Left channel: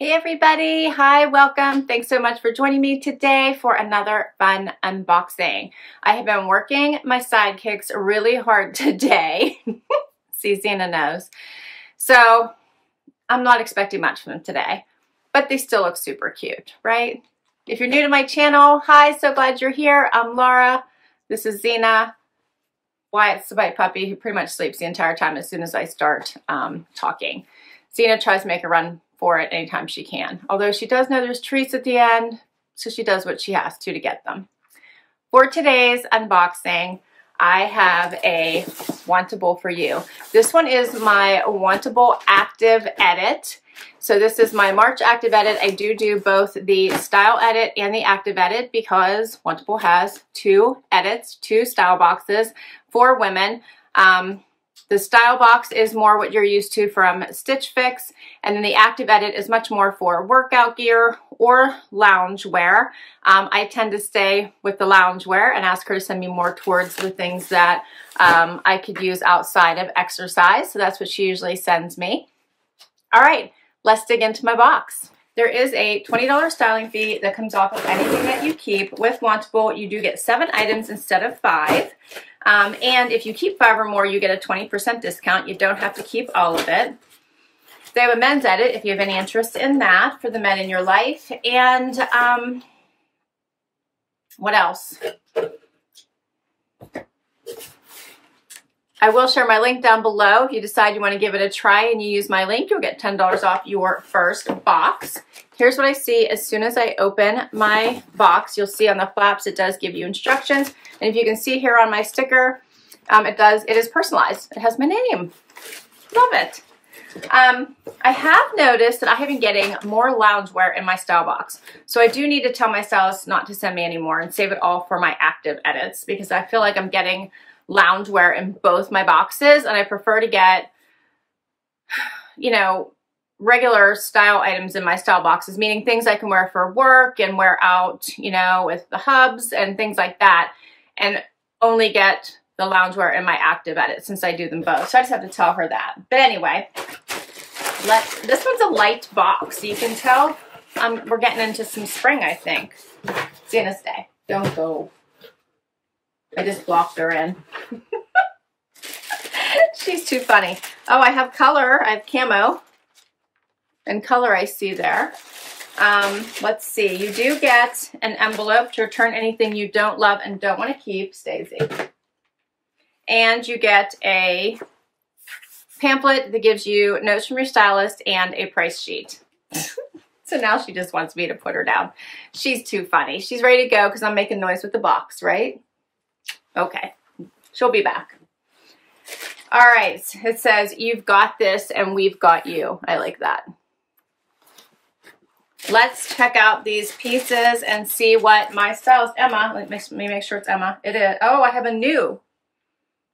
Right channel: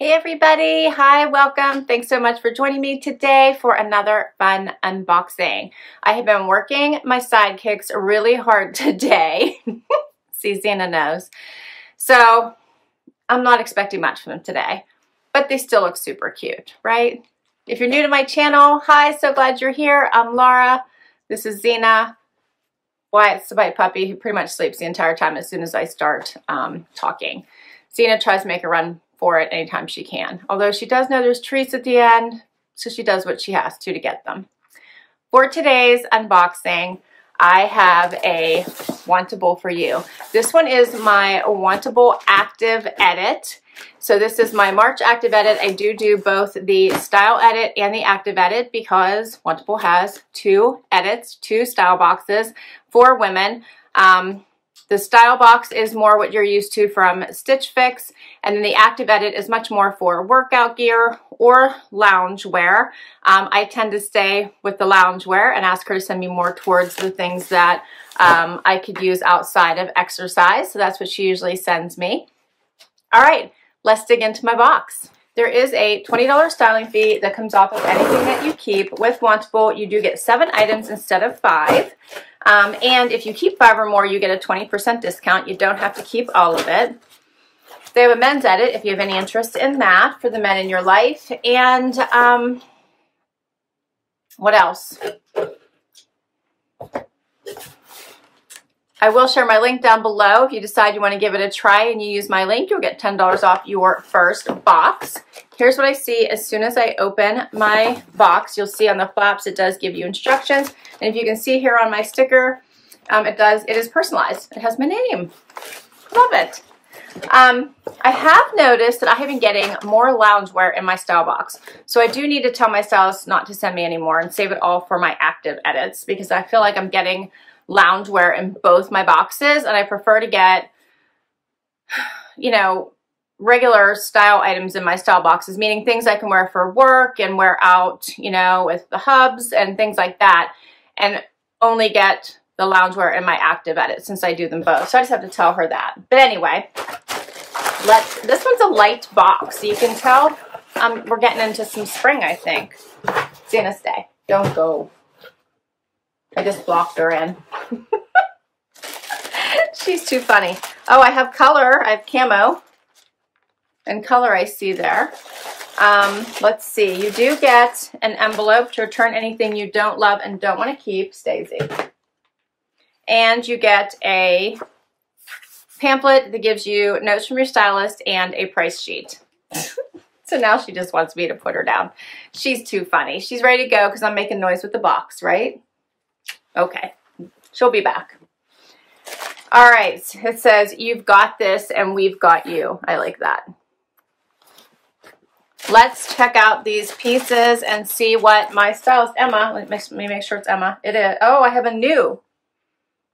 Hey everybody, hi, welcome. Thanks so much for joining me today for another fun unboxing. I have been working my sidekicks really hard today. See, Zena knows. So I'm not expecting much from them today, but they still look super cute, right? If you're new to my channel, hi, so glad you're here. I'm Laura. This is Zena. Wyatt's the white puppy who pretty much sleeps the entire time as soon as I start talking. Zena tries to make a run for it anytime she can. Although she does know there's treats at the end, so she does what she has to get them. For today's unboxing, I have a Wantable for you. This one is my Wantable Active Edit. So this is my March Active Edit. I do both the Style Edit and the Active Edit because Wantable has two edits, two style boxes for women. The style box is more what you're used to from Stitch Fix, and then the Active Edit is much more for workout gear or lounge wear. I tend to stay with the lounge wear and ask her to send me more towards the things that I could use outside of exercise, so that's what she usually sends me. All right, let's dig into my box. There is a $20 styling fee that comes off of anything that you keep. With Wantable, you do get 7 items instead of 5. And if you keep 5 or more, you get a 20% discount. You don't have to keep all of it. They have a men's edit if you have any interest in that for the men in your life. And what else? I will share my link down below. If you decide you want to give it a try and you use my link, you'll get $10 off your first box. Here's what I see as soon as I open my box. You'll see on the flaps it does give you instructions. And if you can see here on my sticker, it is personalized. It has my name. Love it. I have noticed that I have been getting more loungewear in my style box. So I do need to tell my stylist not to send me anymore and save it all for my active edits because I feel like I'm getting loungewear in both my boxes, and I prefer to get, you know, regular style items in my style boxes, meaning things I can wear for work and wear out, you know, with the hubs and things like that, and only get the loungewear in my active edit since I do them both. So I just have to tell her that. But anyway, this one's a light box, so you can tell we're getting into some spring, I think. Zena, stay. Don't go. I just blocked her in. She's too funny. Oh, I have color. I have camo. And color I see there. Let's see. You do get an envelope to return anything you don't love and don't want to keep, Stacey. And you get a pamphlet that gives you notes from your stylist and a price sheet. So now she just wants me to put her down. She's too funny. She's ready to go because I'm making noise with the box, right? Okay, she'll be back. All right, it says, you've got this and we've got you. I like that. Let's check out these pieces and see what my stylist, Emma, let me make sure it's Emma. It is. Oh, I have a new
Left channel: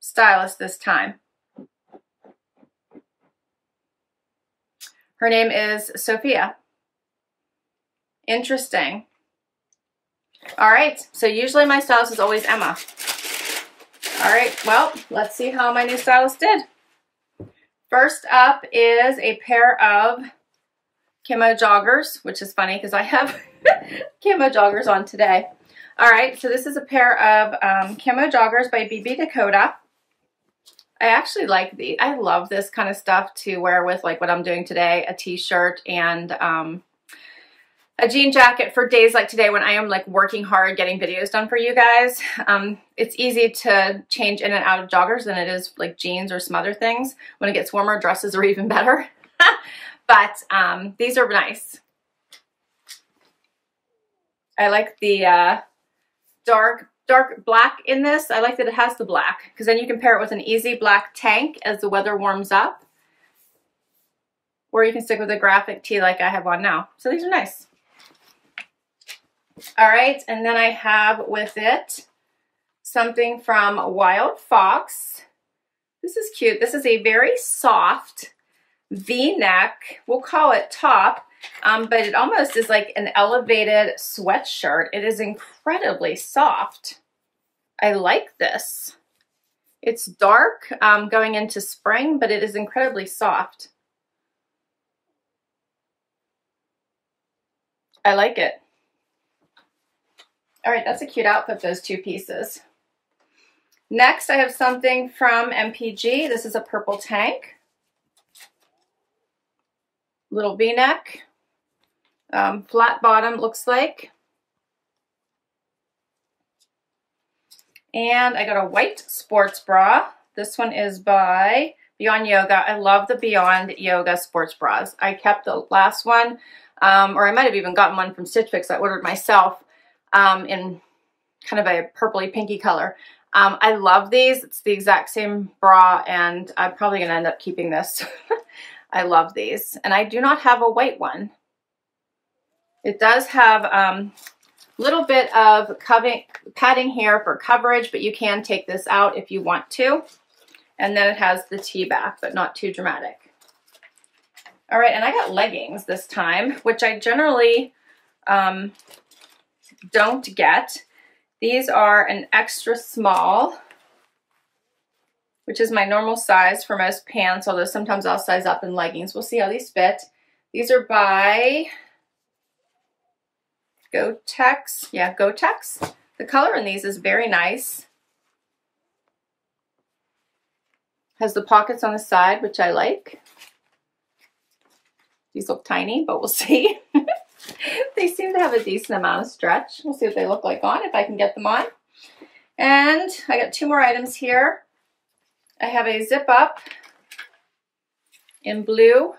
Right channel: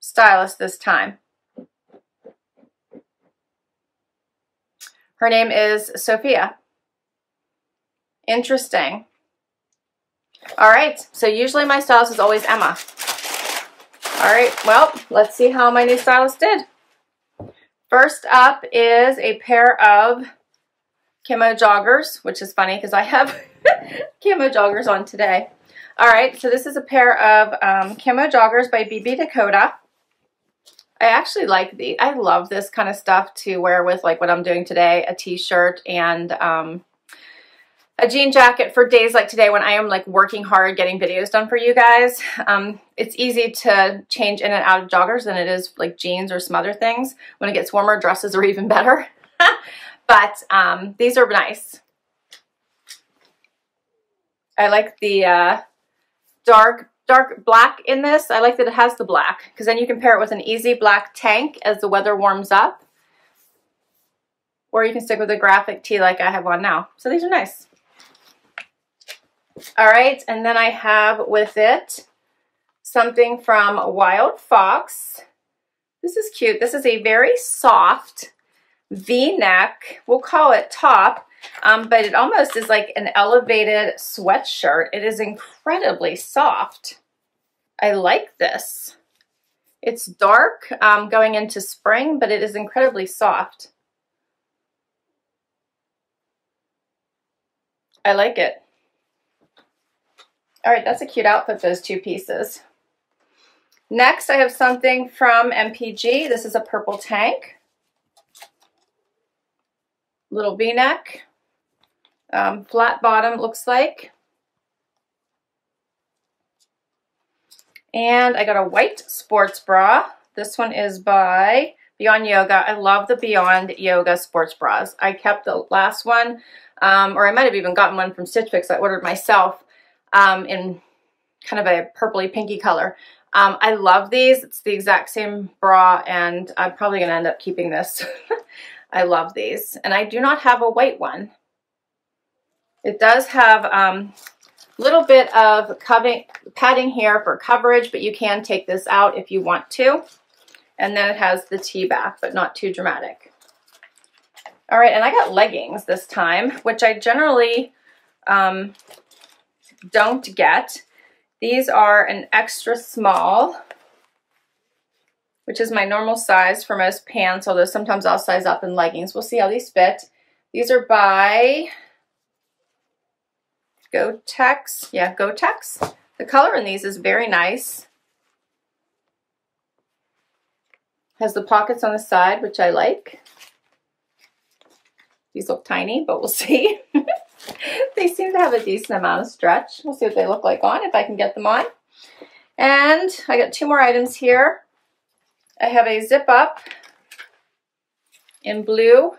stylist this time. Her name is Sophia. Interesting. All right, so usually my stylist is always Emma. All right, well, let's see how my new stylist did. First up is a pair of Camo Joggers, which is funny because I have Camo Joggers on today. All right, so this is a pair of Camo Joggers by Dakota. I actually like these. I love this kind of stuff to wear with like what I'm doing today, a t-shirt and a jean jacket for days like today when I am like working hard getting videos done for you guys. It's easy to change in and out of joggers than it is like jeans or some other things. When it gets warmer, dresses are even better. But these are nice. I like the dark black in this. I like that it has the black because then you can pair it with an easy black tank as the weather warms up. Or you can stick with a graphic tee like I have on now. So these are nice. All right, and then I have with it something from Wildfox. This is cute. This is a very soft V-neck, we'll call it top, but it almost is like an elevated sweatshirt. It is incredibly soft. I like this. It's dark going into spring, but it is incredibly soft. I like it. All right, that's a cute outfit, those two pieces. Next, I have something from MPG. This is a purple tank. Little V-neck. Flat bottom, looks like. And I got a white sports bra. This one is by Beyond Yoga. I love the Beyond Yoga sports bras. I kept the last one, or I might have even gotten one from Stitch Fix. I ordered myself in kind of a purpley pinky color. I love these. It's the exact same bra, and I'm probably going to end up keeping this. I love these. And I do not have a white one. It does have a little bit of padding here for coverage, but you can take this out if you want to. And then it has the tee back, but not too dramatic. All right, and I got leggings this time, which I generally don't get. These are an extra small, which is my normal size for most pants, although sometimes I'll size up in leggings. We'll see how these fit. These are by Gotex. Yeah, Gotex. The color in these is very nice. Has the pockets on the side, which I like. These look tiny, but we'll see. They seem to have a decent amount of stretch. We'll see what they look like on, if I can get them on. And I got two more items here. I have a zip up in blue.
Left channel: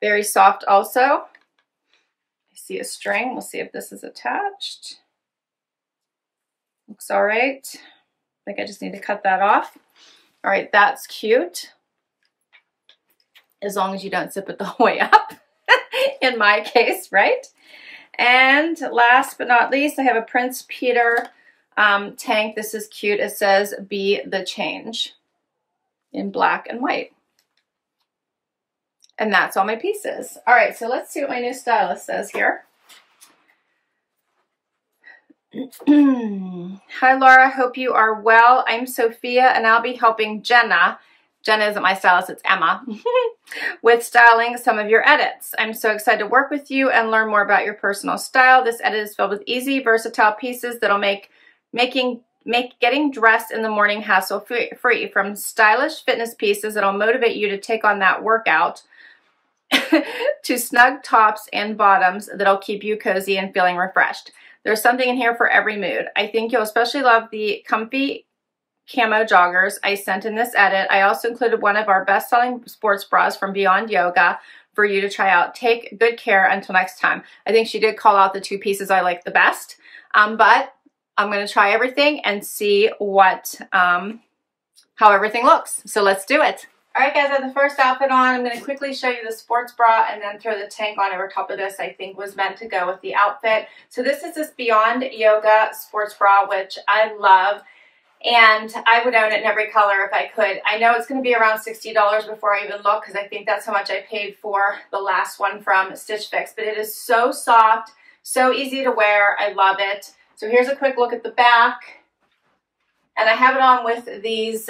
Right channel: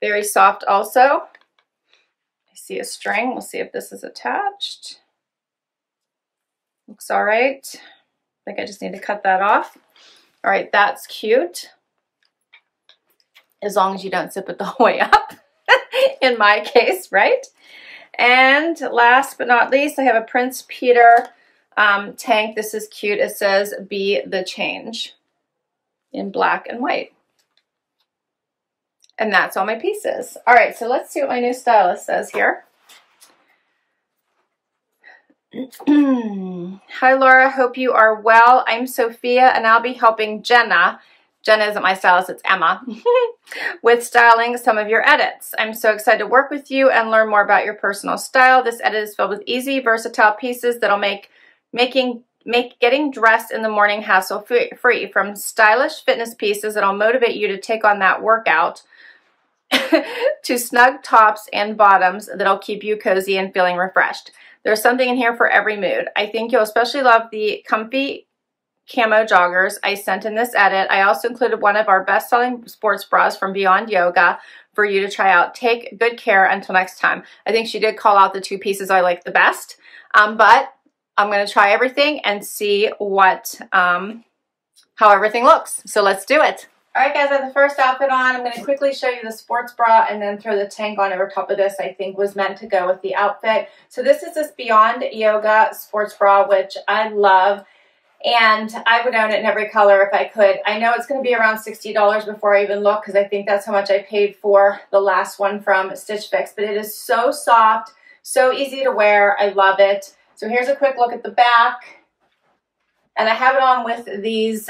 Very soft also. I see a string. We'll see if this is attached. Looks all right. I think I just need to cut that off. All right, that's cute. As long as you don't zip it the whole way up, in my case, right? And last but not least, I have a Prince Peter tank. This is cute. It says, "Be the change," in black and white. And that's all my pieces. All right, so let's see what my new stylist says here. Hi, Laura. Hope you are well. I'm Sophia, and I'll be helping Jenna. Jenna isn't my stylist, it's Emma, with styling some of your edits. I'm so excited to work with you and learn more about your personal style. This edit is filled with easy, versatile pieces that'll make getting dressed in the morning hassle-free, from stylish fitness pieces that'll motivate you to take on that workout to snug tops and bottoms that'll keep you cozy and feeling refreshed. There's something in here for every mood. I think you'll especially love the comfy Camo Joggers I sent in this edit. I also included one of our best-selling sports bras from Beyond Yoga for you to try out. Take good care until next time. I think she did call out the two pieces I like the best, but I'm going to try everything and see what how everything looks. So let's do it. All right, guys, I have the first outfit on. I'm going to quickly show you the sports bra and then throw the tank on over top of this. I think was meant to go with the outfit. So this is this Beyond Yoga sports bra, which I love. And I would own it in every color if I could. I know it's going to be around $60 before I even look, because I think that's how much I paid for the last one from Stitch Fix. But it is so soft, so easy to wear. I love it. So here's a quick look at the back. And I have it on with these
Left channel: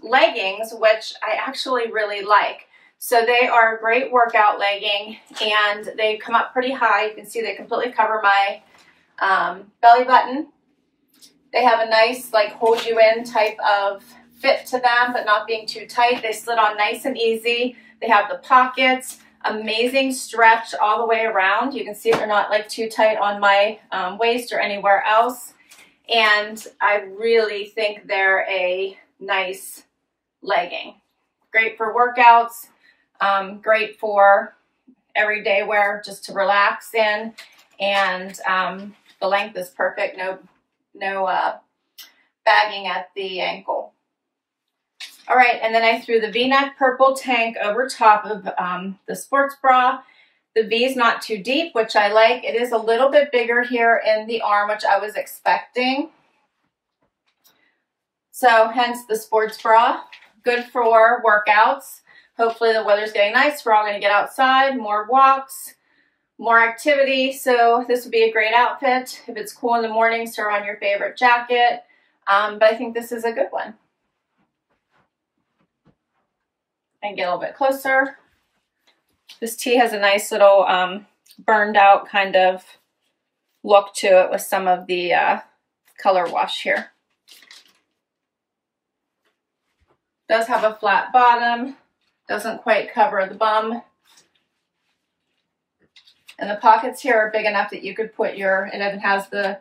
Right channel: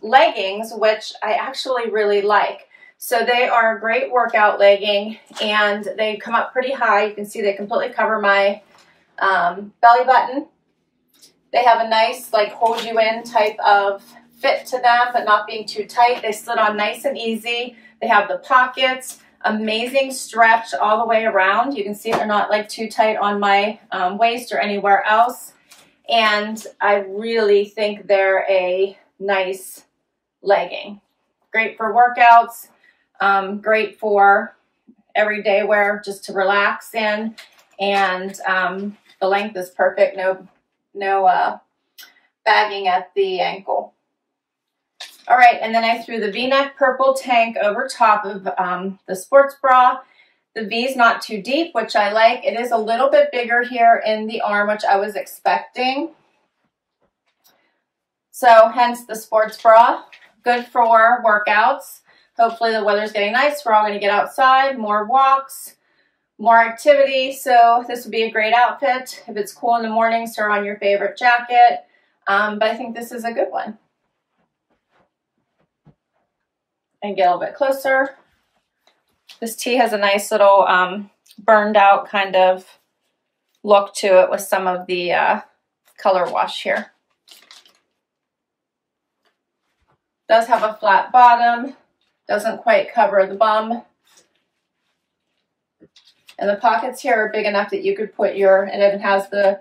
leggings, which I actually really like. So they are a great workout legging, and they come up pretty high. You can see they completely cover my belly button. They have a nice, like, hold you in type of fit to them, but not being too tight. They slid on nice and easy. They have the pockets, amazing stretch all the way around. You can see they're not like too tight on my waist or anywhere else. And I really think they're a nice legging. Great for workouts, great for everyday wear, just to relax in. And the length is perfect. No bagging at the ankle. All right, and then I threw the V-neck purple tank over top of the sports bra. The V is not too deep, which I like. It is a little bit bigger here in the arm, which I was expecting. So hence the sports bra. Good for workouts. Hopefully the weather's getting nice. We're all going to get outside, more walks, more activity. So this would be a great outfit. If it's cool in the mornings, throw on your favorite jacket. But I think this is a good one. And get a little bit closer. This tee has a nice little burned out kind of look to it with some of the color wash here. Does have a flat bottom, doesn't quite cover the bum. And the pockets here are big enough that you could put your, it even has the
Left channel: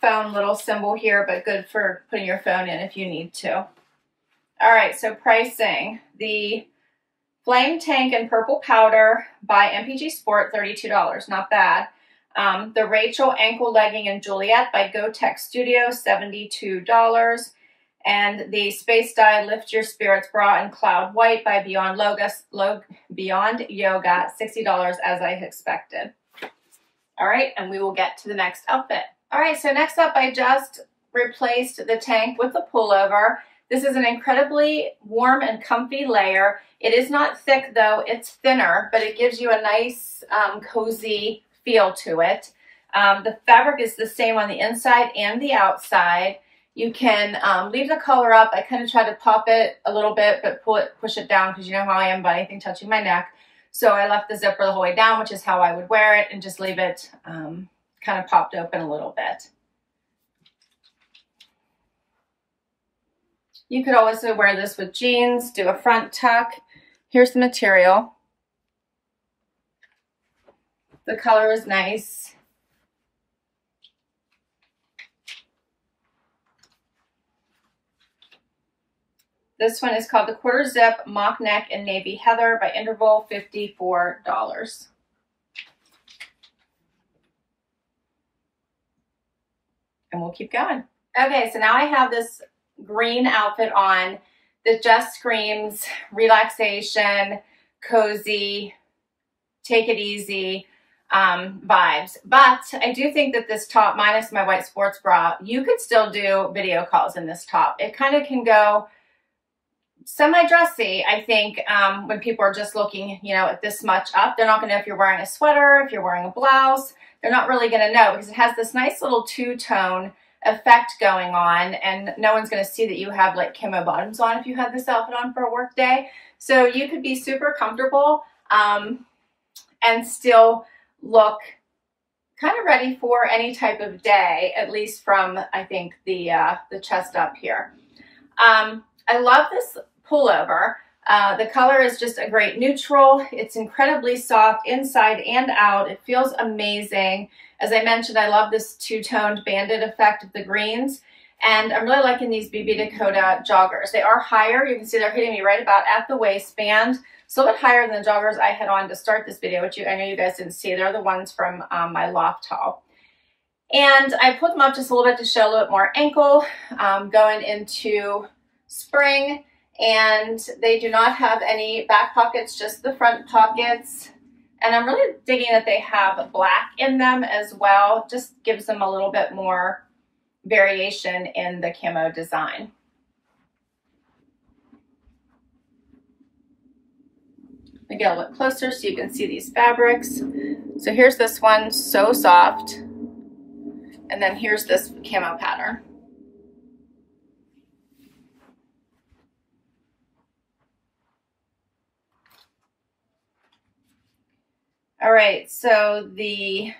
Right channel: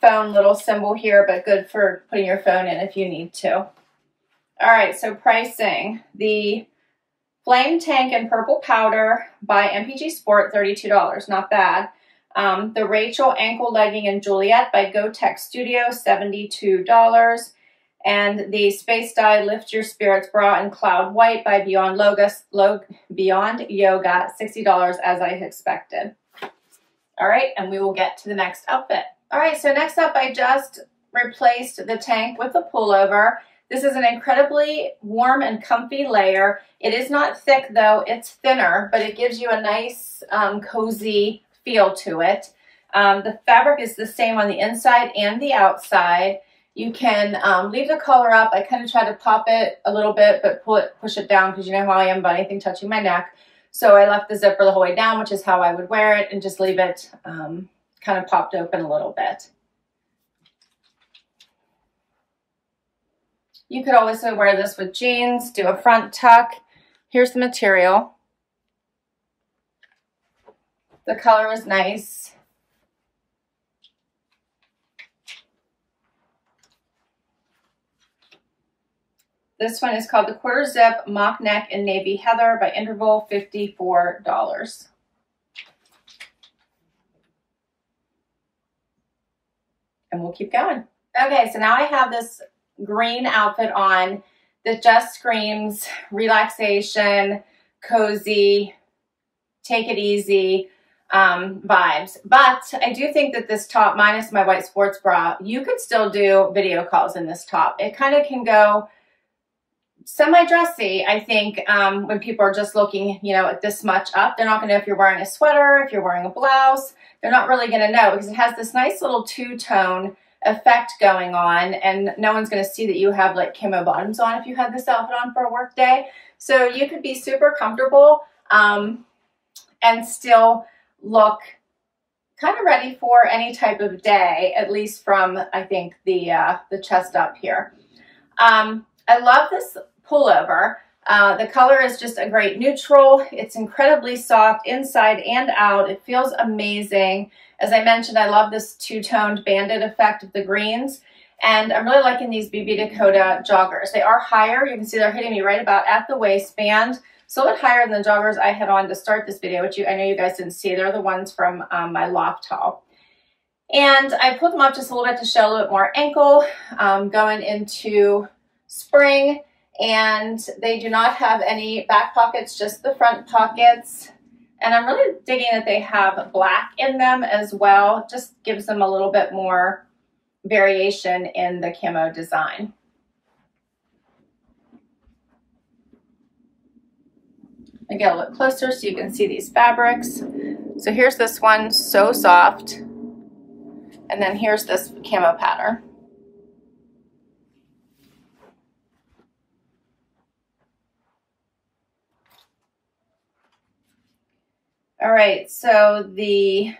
phone little symbol here, but good for putting your phone in if you need to. All right, so pricing. The Flame Tank in Purple Powder by MPG Sport, $32, not bad. The Rachel Ankle Legging in Juliet by Go Tech Studio, $72. And the Spacedye Lift Your Spirits Bra in Cloud White by Beyond Yoga, $60 as I expected. All right, and we will get to the next outfit. All right, so next up, I just replaced the tank with the pullover. This is an incredibly warm and comfy layer. It is not thick though, it's thinner, but it gives you a nice cozy feel to it. The fabric is the same on the inside and the outside. You can leave the collar up. I kind of try to pop it a little bit, but push it down because you know how I am about anything touching my neck. So I left the zipper the whole way down, which is how I would wear it, and just leave it kind of popped open a little bit. You could also wear this with jeans, do a front tuck. Here's the material. The color is nice. This one is called the Quarter Zip Mock Neck in Navy Heather by Interval, $54. And we'll keep going. Okay, so now I have this green outfit on that just screams relaxation, cozy, take it easy vibes. But I do think that this top, minus my white sports bra, you could still do video calls in this top. It kind of can go semi-dressy, I think, when people are just looking, you know, at this much up. They're not going to know if you're wearing a sweater, if you're wearing a blouse. They're not really going to know because it has this nice little two-tone effect going on, and no one's going to see that you have like camo bottoms on if you had this outfit on for a work day. So you could be super comfortable and still look kind of ready for any type of day, at least from, I think, the chest up here. I love this pullover. The color is just a great neutral. It's incredibly soft inside and out. It feels amazing. As I mentioned, I love this two-toned banded effect of the greens. And I'm really liking these BB Dakota joggers. They are higher. You can see they're hitting me right about at the waistband. So a little bit higher than the joggers I had on to start this video, which I know you guys didn't see. They're the ones from my loft haul. And I pulled them up just a little bit to show a little bit more ankle going into spring. And they do not have any back pockets, just the front pockets. And I'm really digging that they have black in them as well. Just gives them a little bit more variation in the camo design. I get a little closer so you can see these fabrics. So here's this one, so soft. And then here's this camo pattern. All right, so the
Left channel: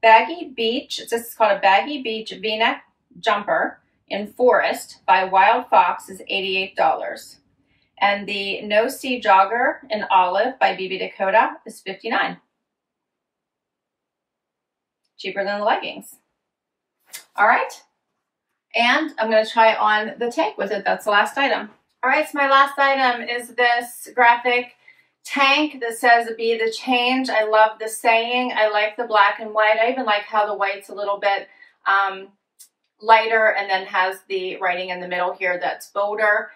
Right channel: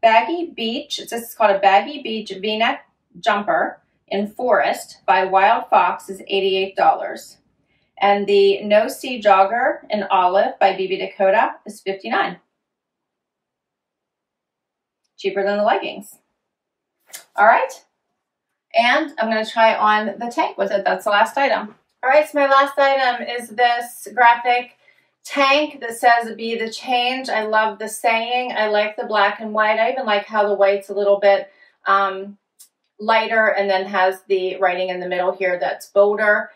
Baggy Beach, this is called a Baggy Beach V-neck jumper in Forest by Wildfox is $88. And the No See Jogger in Olive by BB Dakota is $59. Cheaper than the leggings. All right, and I'm gonna try on the tank with it. That's the last item. All right, so my last item is this graphic tank that says "Be the Change." I love the saying. I like the black and white. I even like how the white's a little bit lighter and then has the writing in the middle here that's bolder.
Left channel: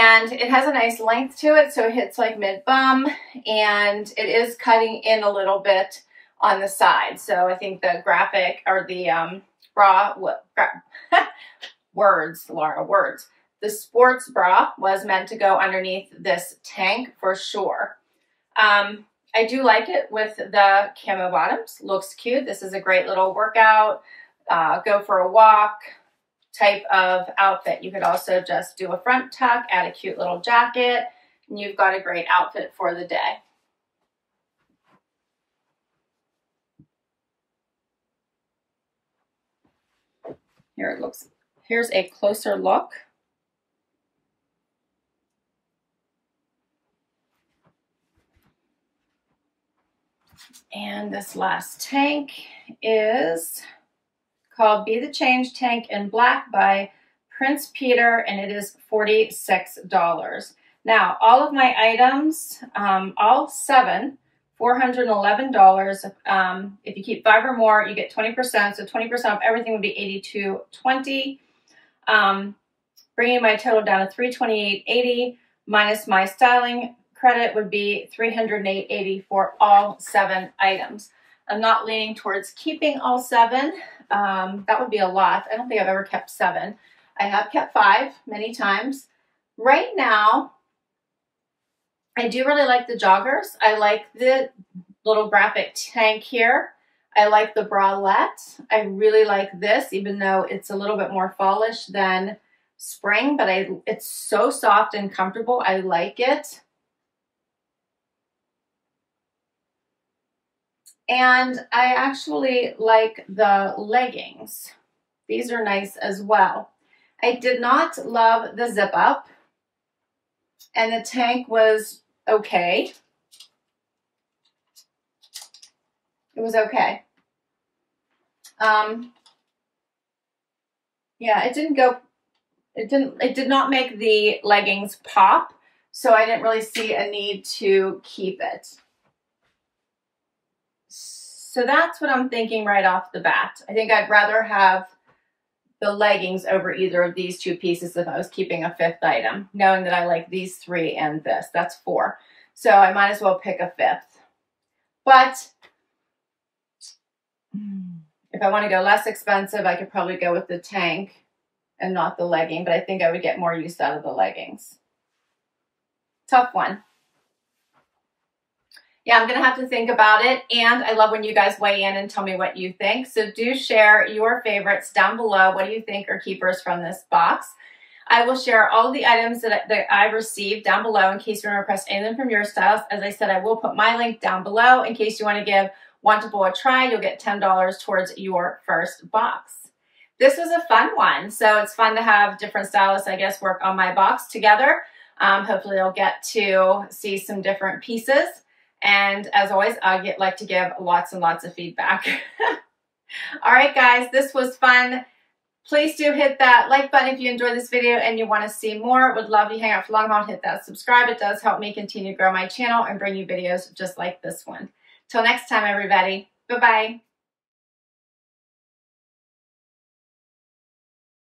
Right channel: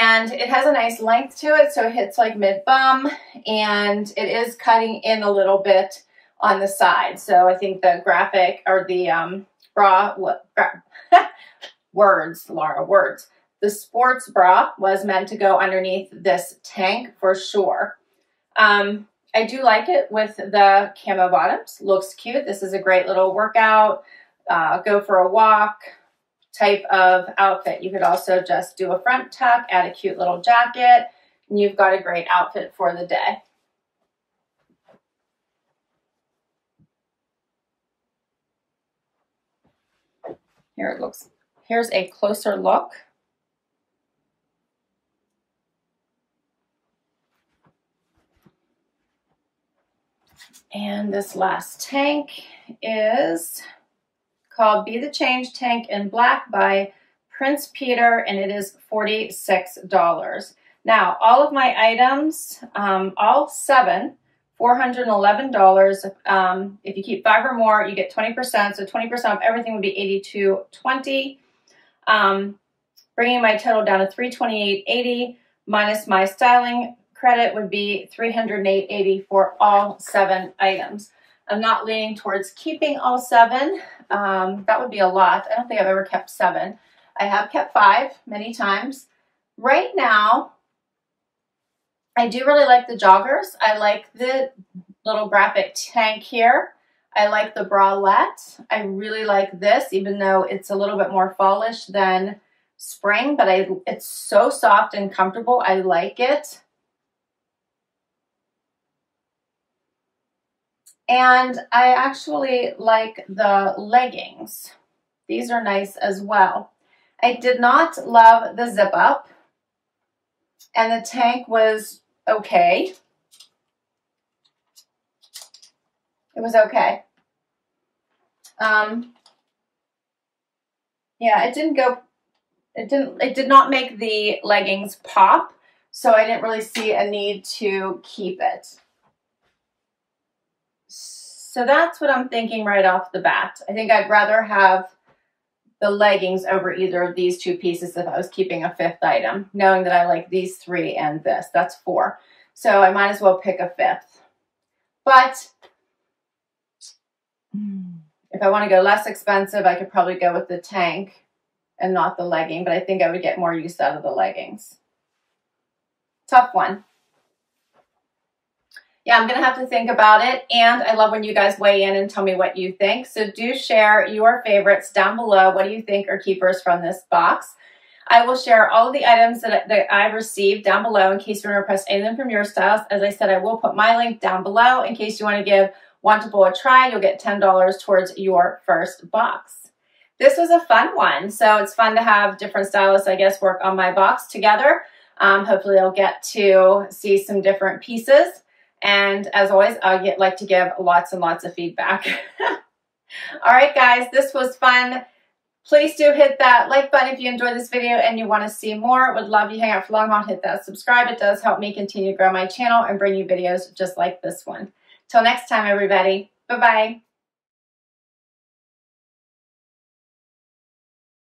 And it has a nice length to it, so it hits like mid-bum, and it is cutting in a little bit on the side. So I think the graphic, or the words, Laura, words. The sports bra was meant to go underneath this tank for sure. I do like it with the camo bottoms. Looks cute. This is a great little workout, go for a walk type of outfit. You could also just do a front tuck, add a cute little jacket, and you've got a great outfit for the day. Here it looks. Here's a closer look. And this last tank is called Be the Change Tank in Black by Prince Peter, and it is $46. Now, all of my items, all 7, $411. If you keep 5 or more, you get 20%. So 20% off everything would be $82.20. Bringing my total down to $328.80 minus my styling credit would be $308.80 for all 7 items. I'm not leaning towards keeping all 7. That would be a lot. I don't think I've ever kept 7. I have kept 5 many times. Right now, I do really like the joggers. I like the little graphic tank here. I like the bralette. I really like this, even though it's a little bit more fallish than spring, but it's so soft and comfortable. I like it. And I actually like the leggings. These are nice as well. I did not love the zip up, and the tank was okay. It was okay. Yeah, it did not make the leggings pop, so I didn't really see a need to keep it. So that's what I'm thinking right off the bat. I think I'd rather have the leggings over either of these 2 pieces if I was keeping a 5th item, knowing that I like these 3 and this. That's 4. So I might as well pick a 5th. But if I want to go less expensive, I could probably go with the tank and not the legging, but I think I would get more use out of the leggings. Tough one. Yeah, I'm going to have to think about it, and I love when you guys weigh in and tell me what you think. So do share your favorites down below. What do you think are keepers from this box? I will share all of the items that I received down below in case you want to request anything from your stylist. As I said, I will put my link down below in case you want to give Wantable a try. You'll get $10 towards your first box. This was a fun one, so it's fun to have different stylists, I guess, work on my box together. Hopefully you'll get to see some different pieces. And as always, I like to give lots and lots of feedback. All right, guys, this was fun. Please do hit that like button if you enjoyed this video and you want to see more. Would love you hang out for long haul. Hit that subscribe. It does help me continue to grow my channel and bring you videos just like this one. Till next time, everybody. Bye-bye.